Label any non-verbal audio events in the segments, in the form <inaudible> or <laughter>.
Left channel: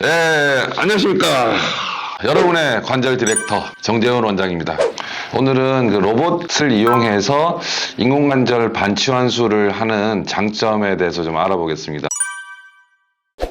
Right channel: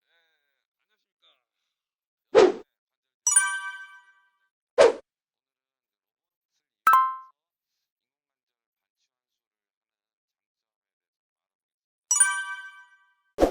네, 안녕하십니까. 여러분의 관절 디렉터 정재훈 원장입니다. 오늘은 그 로봇을 이용해서 인공관절 반치환수를 하는 장점에 대해서 좀 알아보겠습니다.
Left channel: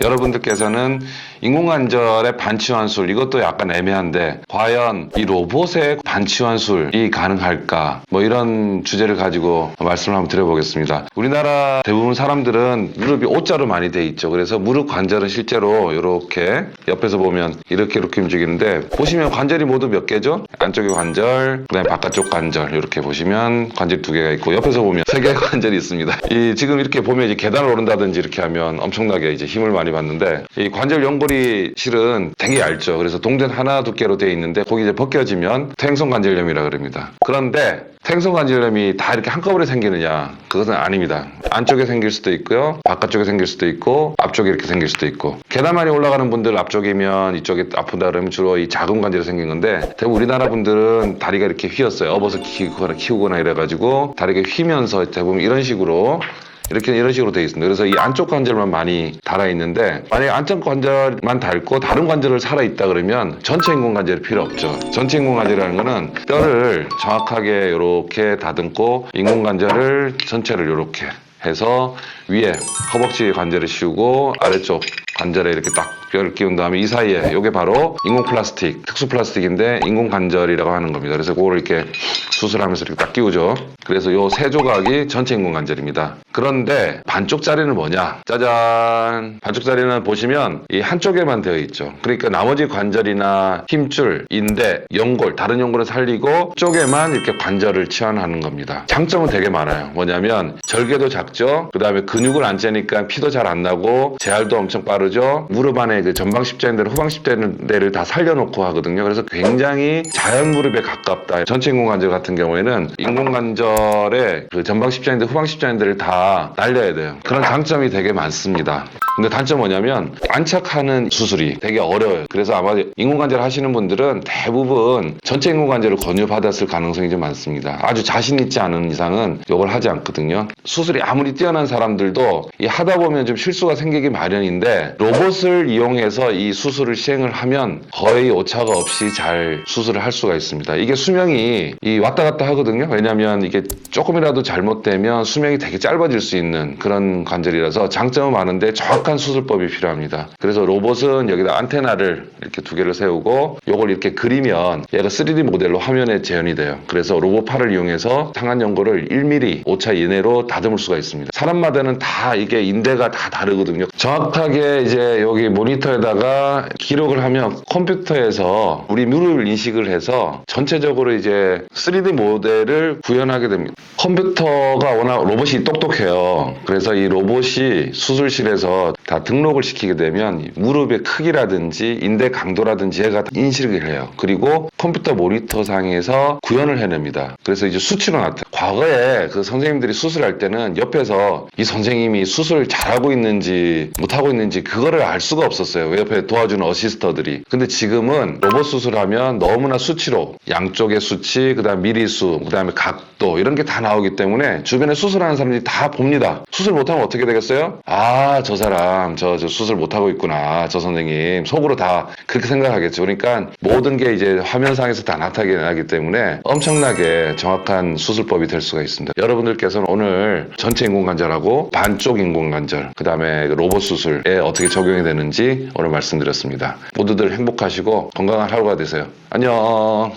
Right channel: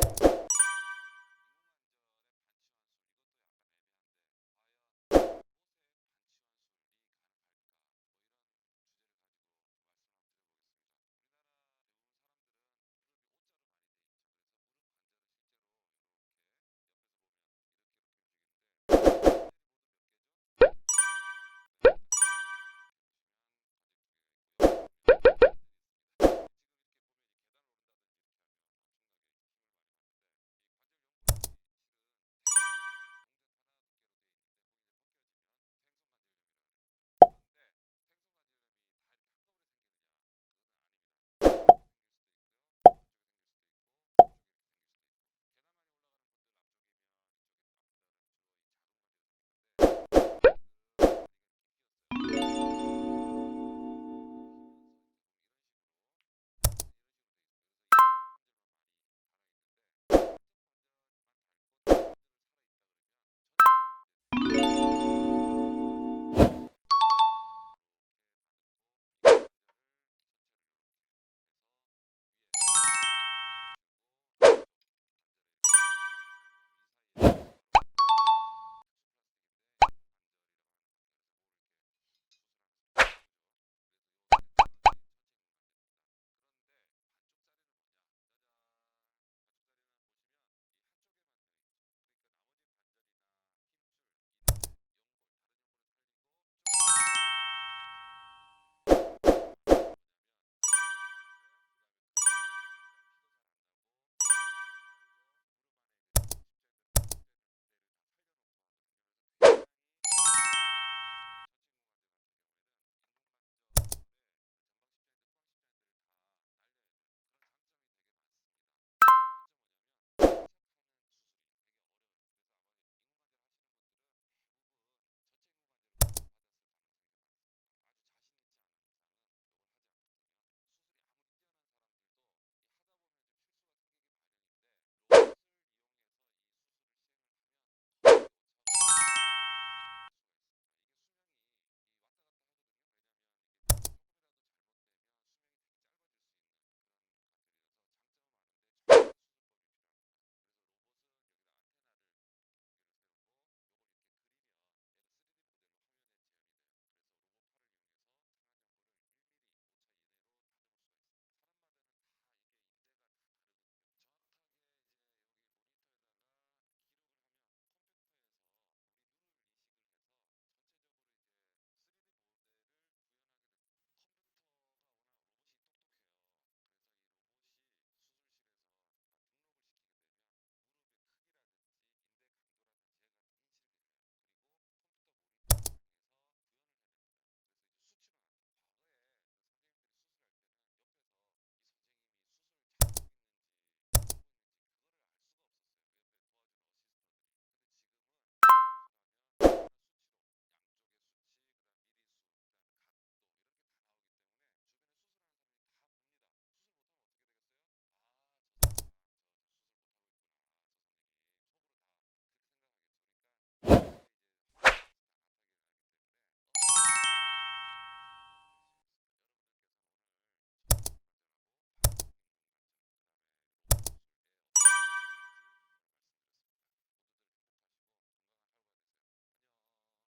여러분들께서는 인공관절의 반치환술 이것도 약간 애매한데 과연 이 로봇의 반치환술이 가능할까 뭐 이런 주제를 가지고 말씀을 한번 드려보겠습니다. 우리나라 대부분 사람들은 무릎이 O자로 많이 돼 있죠. 그래서 무릎 관절은 실제로 이렇게 옆에서 보면 이렇게 이렇게 움직이는데 보시면 관절이 모두 몇 개죠? 안쪽의 관절, 그다음에 바깥쪽 관절 이렇게 보시면 관절 두 개가 있고 옆에서 보면 세 개의 관절이 있습니다. 이 지금 이렇게 보면 이제 계단을 오른다든지 이렇게 하면 엄청나게 이제 힘을 많이 받는데 이 관절 연골 이 실은 되게 얇죠. 그래서 동전 하나 두께로 되어 있는데 거기 이제 벗겨지면 퇴행성 관절염이라 그럽니다. 그런데 퇴행성 관절염이 다 이렇게 한꺼번에 생기느냐? 그것은 아닙니다. 안쪽에 생길 수도 있고요. 바깥쪽에 생길 수도 있고 앞쪽에 이렇게 생길 수도 있고 계단 많이 올라가는 분들 앞쪽이면 이쪽이 아프다 그러면 주로 이 작은 관절이 생긴 건데 대부분 우리나라 분들은 다리가 이렇게 휘었어요. 업어서 키우거나 키우거나 이래가지고 다리가 휘면서 대부분 이런 식으로 이렇게 이런 식으로 되어 있습니다. 그래서 이 안쪽 관절만 많이 달아 있는데 만약에 안쪽 관절만 닳고 다른 관절을 살아 있다 그러면 전체 인공 관절이 필요 없죠. 전체 인공 관절이라는 거는 뼈를 정확하게 이렇게 다듬고 인공 관절을 전체를 이렇게 해서 위에 허벅지 관절을 씌우고 아래쪽 관절에 이렇게 딱 뼈를 끼운 다음에 이 사이에 이게 바로 인공 플라스틱, 특수 플라스틱인데 인공 관절이라고 하는 겁니다. 그래서 그거를 이렇게 수술하면서 이렇게 딱 끼우죠. 그래서 요세 조각이 전체 인공 관절입니다. 그런데 반쪽짜리는 뭐냐? 짜잔. 반쪽짜리는 보시면 이 한쪽에만 되어 있죠. 그러니까 나머지 관절이나 힘줄, 인대, 연골, 다른 연골을 살리고 쪽에만 이렇게 관절을 치환하는 겁니다. 장점은 되게 많아요. 뭐냐면 절개도 작죠. 그 다음에 근육을 안 째니까 피도 잘 안 나고 재활도 엄청 빠르 죠. 무릎 안에 그 전방 십자인대를 후방 십자인대를 다 살려놓고 하거든요. 그래서 굉장히 자연 무릎에 가깝다. 전체 인공관절 같은 경우에는 인공관절의 그 전방 십자인대, 후방 십자인대를 다 날려야 돼요. 그런 장점이 되게 많습니다. 근데 단점 뭐냐면 안착하는 수술이 되게 어려워요. 그래서 아마 인공관절 하시는 분들은 대부분 전체 인공관절을 권유받았을 가능성이 좀 많습니다. 아주 자신 있지 않은 이상은 이걸 하지 않거든요. 수술이 아무리 뛰어난 사람들도 이 하다 보면 좀 실수가 생기기 마련인데 로봇을 이용해서 이 수술을 시행을 하면 거의 오차가 없이 잘 수술을 할 수가 있습니다. 이게 수명이 이 왔다 갔다 하거든요. 왜냐하면 이게 조금이라도 잘못되면 수명이 되게 짧아질 수 있는 그런 관절이라서 장점은 많은데 정 확한 수술법이 필요합니다. 그래서 로봇은 여기다 안테나를 이렇게 두 개를 세우고 요걸 이렇게 그리면 얘가 3D 모델로 화면에 재현이 돼요. 그래서 로봇 팔을 이용해서 상한 연골을 1mm 오차 이내로 다듬을 수가 있습니다. 사람마다는 다 이게 인대가 다 다르거든요. 정확하게 이제 여기 모니터에다가 기록을 하면 컴퓨터에서 우리 무릎을 인식을 해서 전체적으로 이제 3D 모델을 구현하게 됩니다. 컴퓨터가 워낙 로봇이 똑똑해요. 그래서 이 로봇이 수술실에서 다 등록을 시키게 되면 이 무릎의 크기라든지 인대 강도라든지 얘가 다 인식을 해요. 그리고 컴퓨터 모니터 상에서 구현을 해냅니다. 그래서 이제 수치로 나타나. 과거에 그 선생님들이 수술할 때는 옆에서 이 선생님이 수술 잘하고 있는지 못하고 있는지 그거를 알 수가 없었어요. 왜 옆에 도와주는 어시스터들이. 근데 지금은 로봇 수술하면 너무나 수치로 양쪽의 수치, 그다음 미리수, 그다음에 각도 이런 게 다 나오기 때문에 주변에 수술하는 사람들이 다 봅니다. 수술 못하면 어떻게 되겠어요? 아, 저 사람 저, 저 수술 못하고 있구나. 저 선생님 속으로 다 그렇게 생각하겠죠. 그러니까 모든 게 이제 화면상에서 다 나타나기 때문에 엄청나게 정확한 수술법이 될 수가 있습니다. 여러분들께서는 오늘 전체 인공관절하고 반쪽 인공관절, 그 다음에 로봇 수술에 어떻게 적용이 되는지 오늘 말씀드렸습니다. 모두들 행복하시고 건강한 하루가 되세요. 안녕.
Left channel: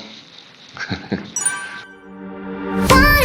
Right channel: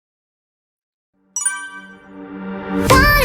<laughs>